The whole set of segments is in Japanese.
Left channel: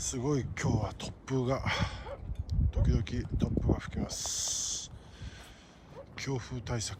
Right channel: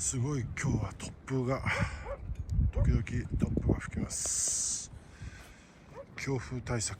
すごい今日は突風が時々突風が吹きます。強風対策。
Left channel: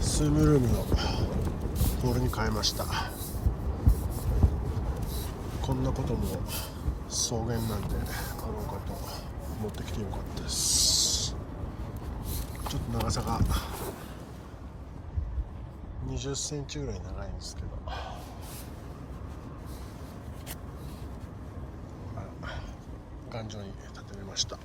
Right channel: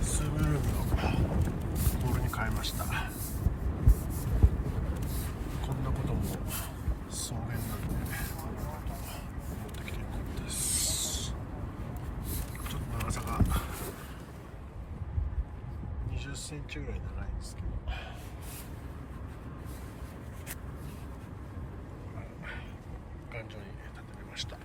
スームルームのボールに変えました。こんなことも草原なんであろうかと思ってきてよかったです。ちょっと長さが20センチぐらい長いんですけど、頑丈に立てれました。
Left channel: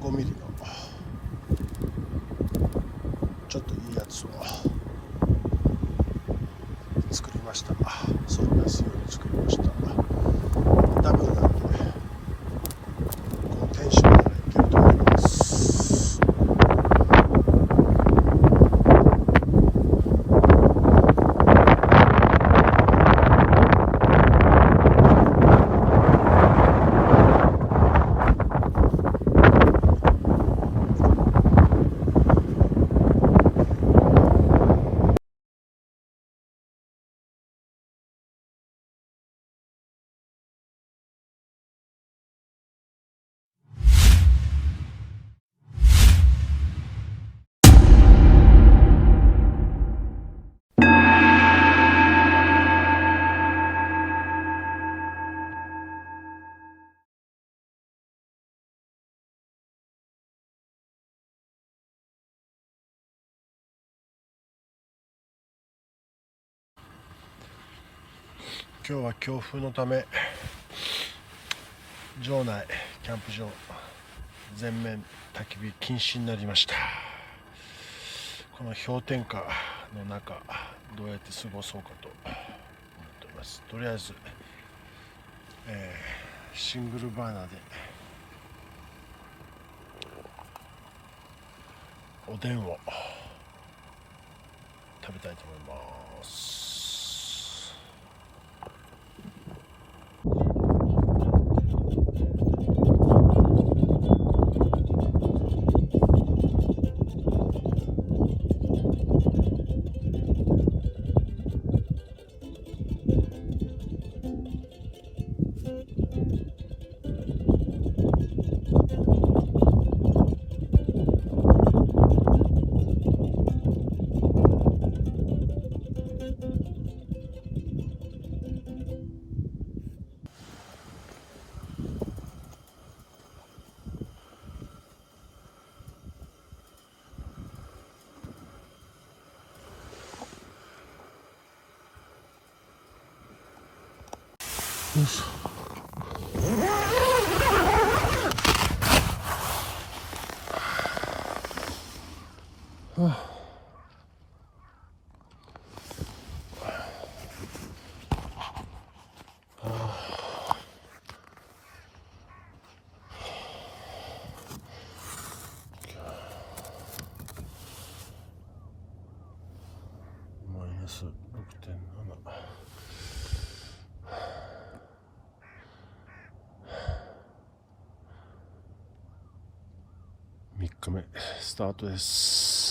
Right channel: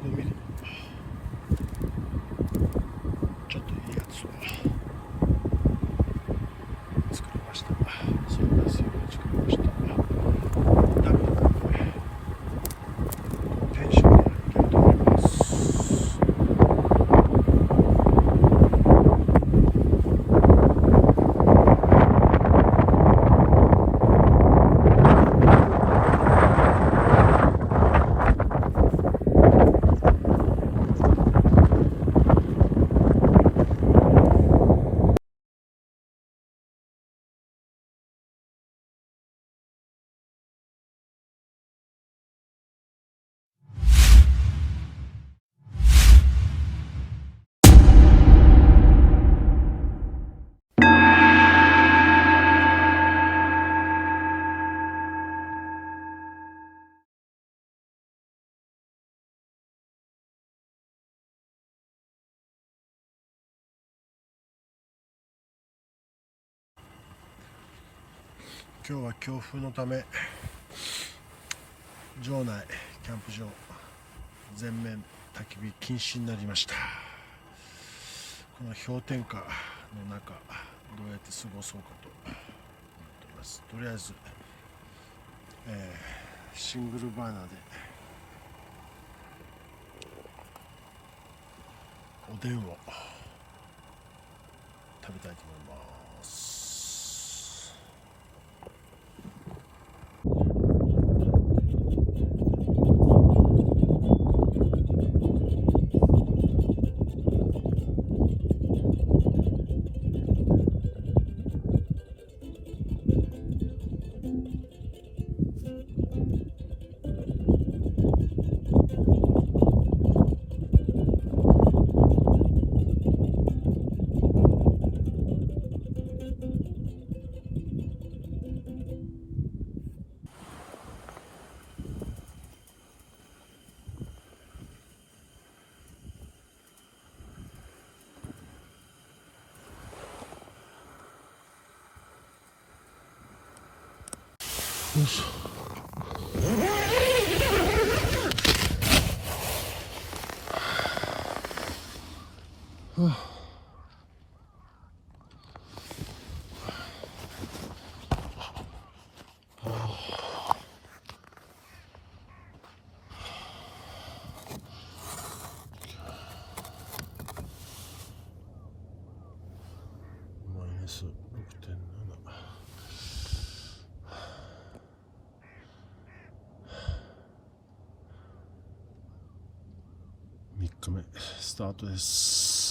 5ミリのちょっといいやつを作りました。そうですように作りました。ダブルなんでね、このテンションからいけると今日は強風のため場内キャンプ場全面焚き火禁止になりました。この氷点下の中どうやって過ごそうかと思っております。とりあえず、シングルバーナーでおでんを食べたいと思います。よいしょ。マイナス 6.7。3日目スタートです。